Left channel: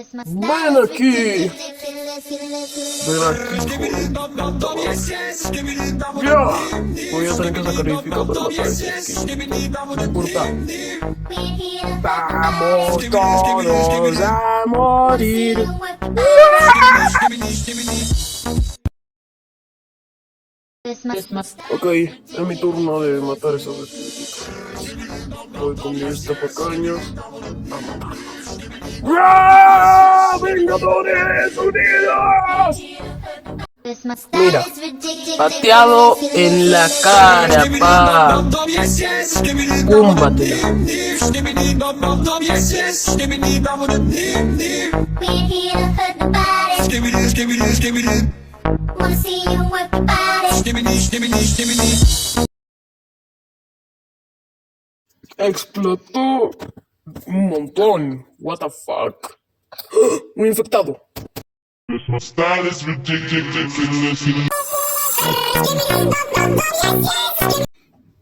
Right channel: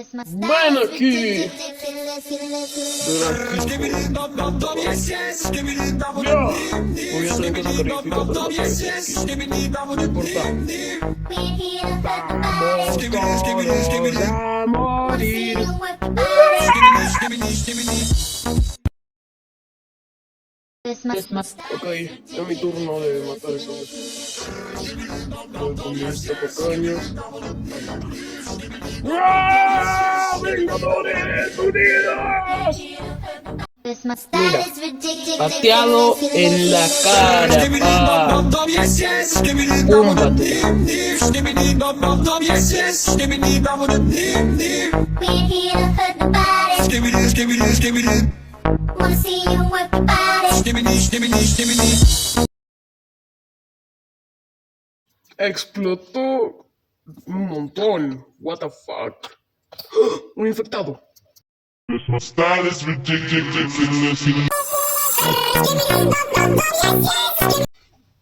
Ven aquí. Ven aquí. Ya. Voy a hacer que sacrifico por los aquí. No importa. Vamos todos a morir. Ok, es mi turno de matar a esos espíritus. Voy con mi pequeños a matar. ¡Ah! ¡Vengadores unidos! Mira, pateado en la cara, pa. Púmbate. Explotó un montón. What the fuck? Un infectado.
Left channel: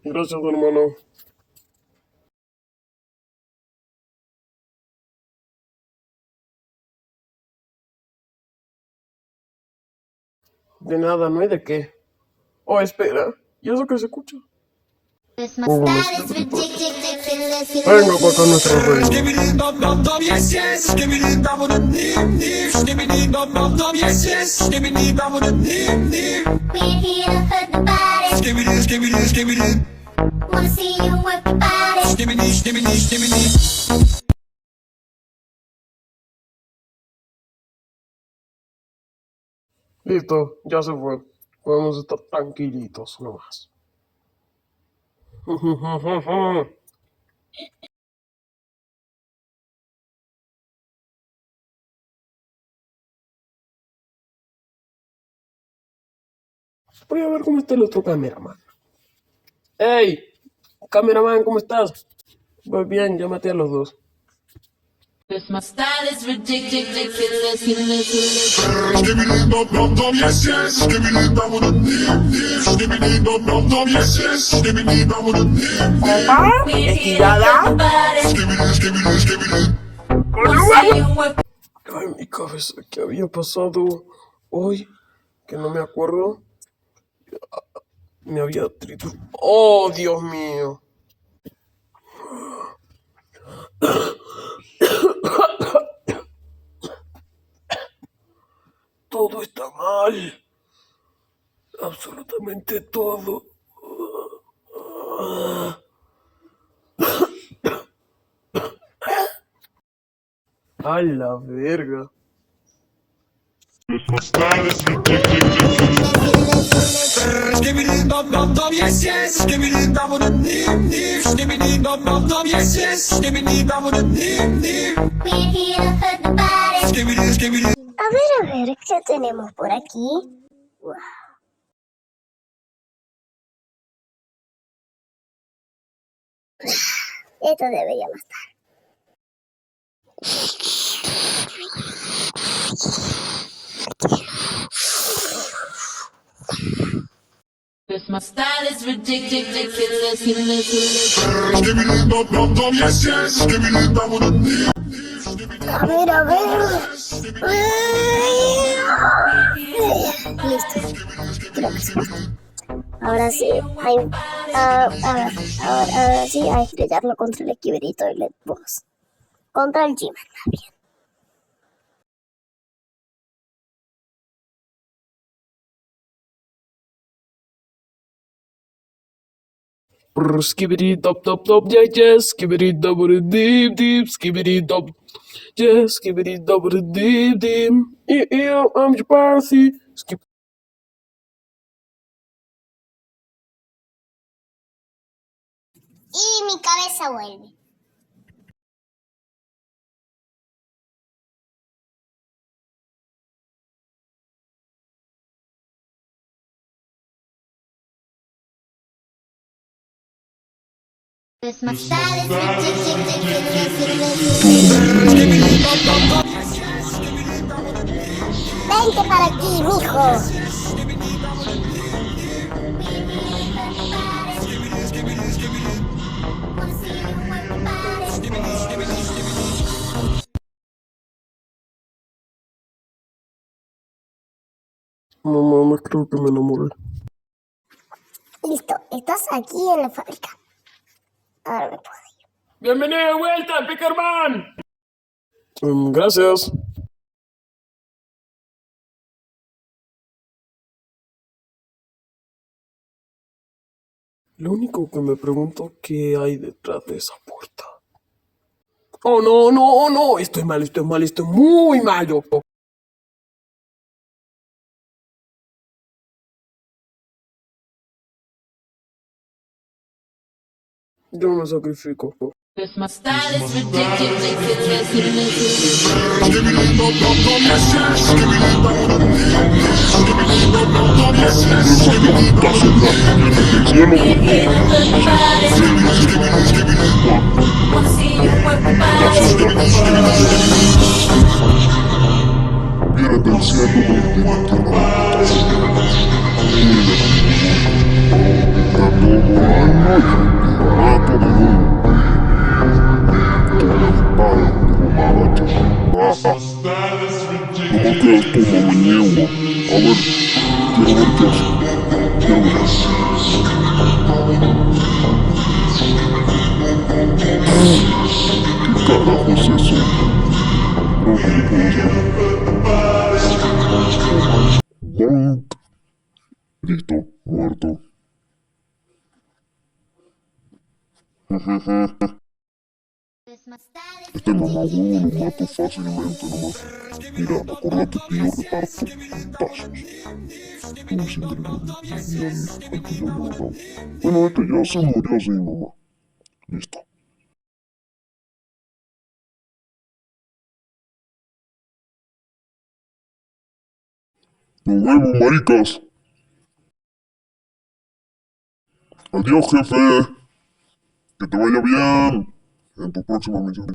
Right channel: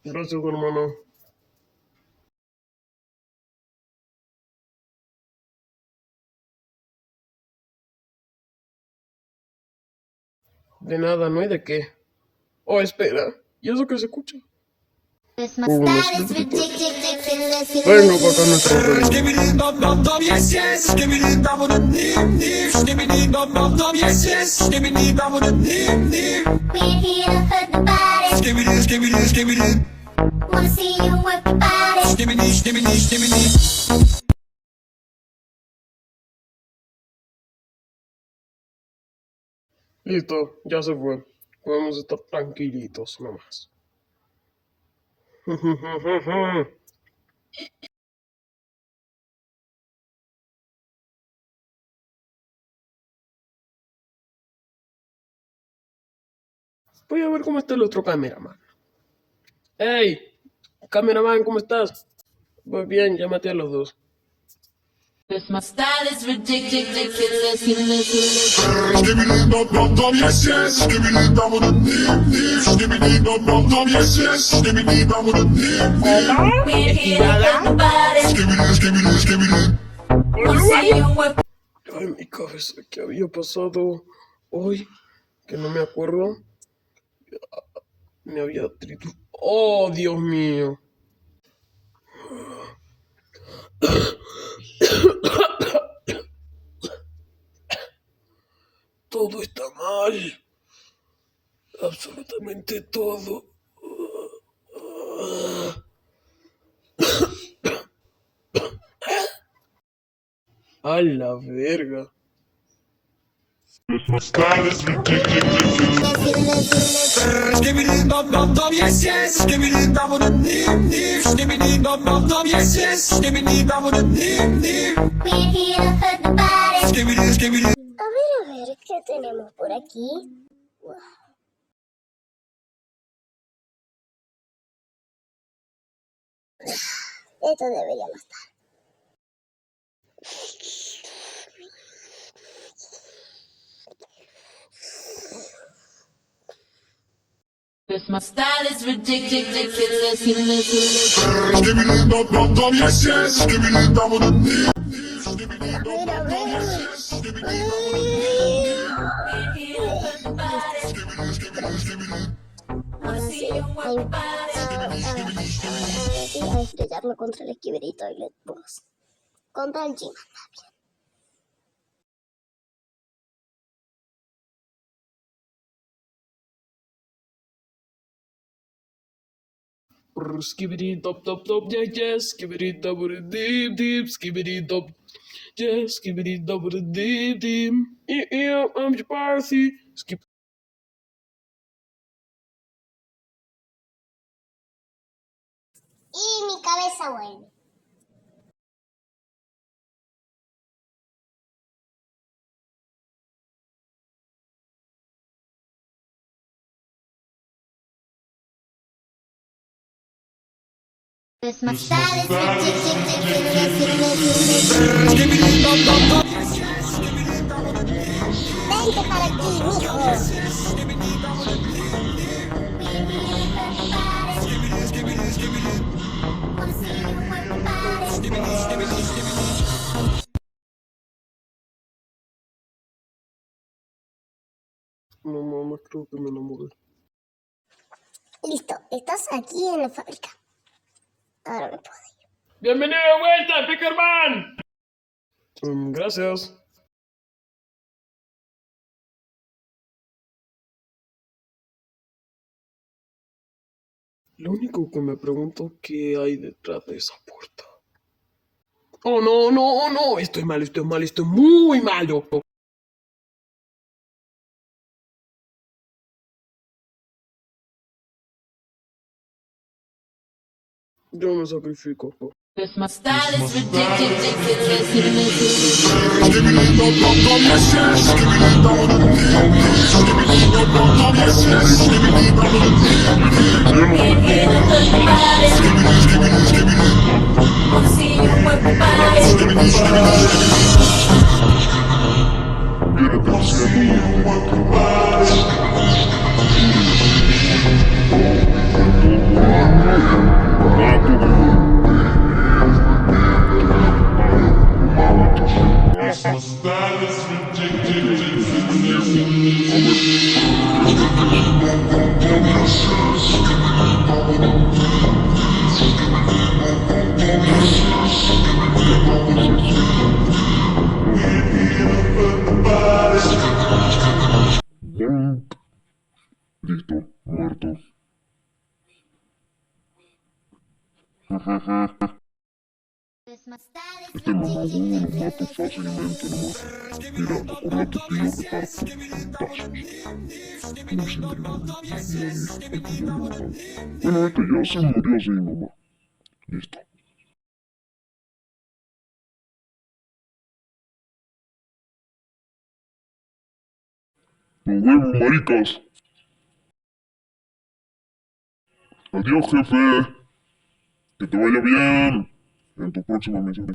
Gracias, hermano. De nada, no hay de qué. Oh, espera. ¿Y eso que se escucha? Vengo para acá, Listo, ya se fue. Podemos estar tranquilitos nomás. Voy a ver cómo está el otro cameraman. ¡Hey! Cameraman, ¿cómo estás? Voy bien, llámate a los dos. My style is ridiculous. Ay, mi cabeza, ¿qué había pasado hoy? Que no me acuerdo. Me había triturado. ¡Oh, Dios mío! Todo está mal. Absolutamente todo. A la verga. A ver, ¿qué tenemos por aquí? Wow. Esto debería bastar. My style is ridiculous. A ver. Listo. Creo que sí. Ahora sí, ahora sí, a estrellarlo contra el esquiverito y el boss. Contra el G-Man, más bien. Skibidi top top top, yeah yeah. Skibidi double deep deep. Skibidi top, yeah. Skibidi double deep deep. Yeah, I'm your party. Skip. Y mi cabeza vuelve. My style is Vente para aquí, mijo. Mamá, no creo que me enamoré. Listo, estás aquí en la fábrica. Ahora me puedo ir. ¡Bienvenido de vuelta, Pickerman! Gracias. Lo único que me pregunto qué hay detrás de esa puerta. Oh, no, no, no. Esto es malo, esto es malo, esto es muy malo. Yo me sacrifico. Cause my style is ridiculous. My style is ridiculous. Listo, muerto. Este es muerto fácilmente, ¿no? Mira, no corro tu bueno, esto ya se murió, sí, mamá. Listo. Nos vemos, maricas. Adiós, jefe. Que te vaya bien. En tu próxima misión.